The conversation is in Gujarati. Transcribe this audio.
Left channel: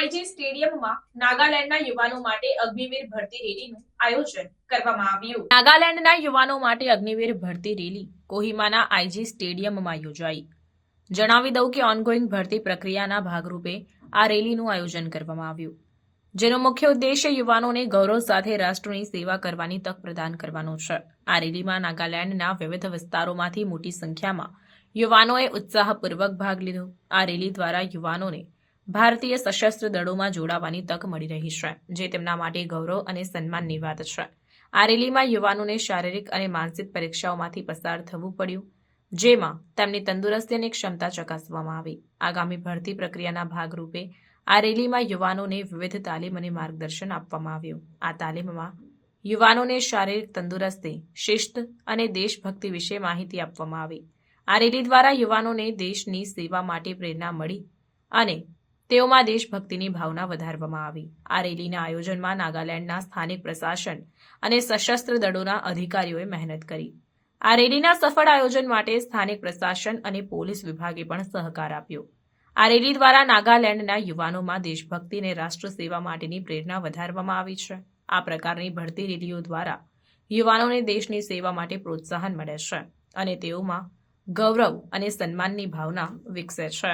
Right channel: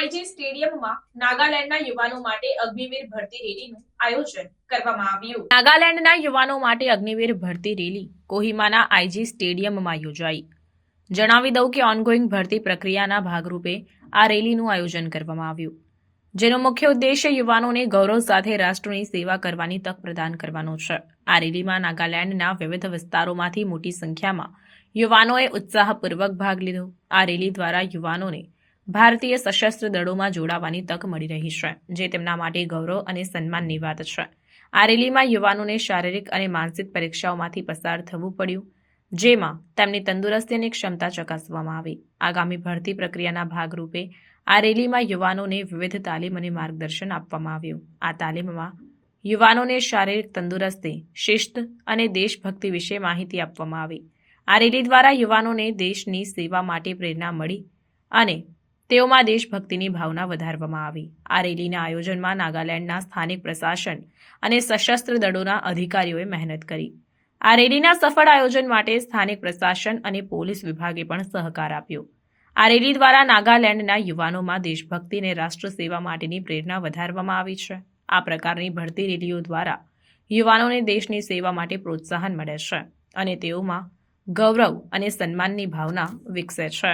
આઈજી સ્ટેડિયમમાં નાગાલેન્ડના યુવાનો માટે અગ્નિવીર ભરતી રેલીનું આયોજન કરવામાં આવ્યું. નાગાલેન્ડના યુવાનો માટે અગ્નિવીર ભરતી રેલી કોહિમાના આઈજી સ્ટેડિયમમાં યોજાઈ. જણાવી દઉં કે ઓનગોઈંગ ભરતી પ્રક્રિયાના ભાગરૂપે આ રેલીનું આયોજન કરવામાં આવ્યું. જેનો મુખ્ય ઉદ્દેશ્ય યુવાનોને ગૌરવ સાથે રાષ્ટ્રની સેવા કરવાની તક પ્રદાન કરવાનો છે. આ રેલીમાં નાગાલેન્ડના વિવિધ વિસ્તારોમાંથી મોટી સંખ્યામાં યુવાનોએ ઉત્સાહપૂર્વક ભાગ લીધો. આ રેલી દ્વારા યુવાનોને ભારતીય સશસ્ત્ર દળોમાં જોડાવાની તક મળી રહી છે, જે તેમના માટે ગૌરવ અને સન્માનની વાત છે. આ રેલીમાં યુવાનોને શારીરિક અને માનસિક પરીક્ષાઓમાંથી પસાર થવું પડ્યું, જેમાં તેમની તંદુરસ્તી અને ક્ષમતા ચકાસવામાં આવી. આગામી ભરતી પ્રક્રિયાના ભાગરૂપે આ રેલીમાં યુવાનોને વિવિધ તાલીમ અને માર્ગદર્શન આપવામાં આવ્યું. આ તાલીમમાં યુવાનોને શારીરિક તંદુરસ્તી, શિસ્ત અને દેશભક્તિ વિશે માહિતી આપવામાં આવી. આ રેલી દ્વારા યુવાનોને દેશની સેવા માટે પ્રેરણા મળી અને તેઓમાં દેશભક્તિની ભાવના વધારવામાં આવી. આ રેલીના આયોજનમાં નાગાલેન્ડના સ્થાનિક પ્રશાસન અને સશસ્ત્ર દળોના અધિકારીઓએ મહેનત કરી. આ રેલીના સફળ આયોજન માટે સ્થાનિક પ્રશાસન અને પોલીસ વિભાગે પણ સહકાર આપ્યો. આ રેલી દ્વારા નાગાલેન્ડના યુવાનોમાં દેશભક્તિ અને રાષ્ટ્ર સેવા માટેની પ્રેરણા વધારવામાં આવી છે. આ પ્રકારની ભરતી રેલીઓ દ્વારા યુવાનોને દેશની સેવા માટે પ્રોત્સાહન મળે છે અને તેઓમાં ગૌરવ અને સન્માનની ભાવના વિકસે છે.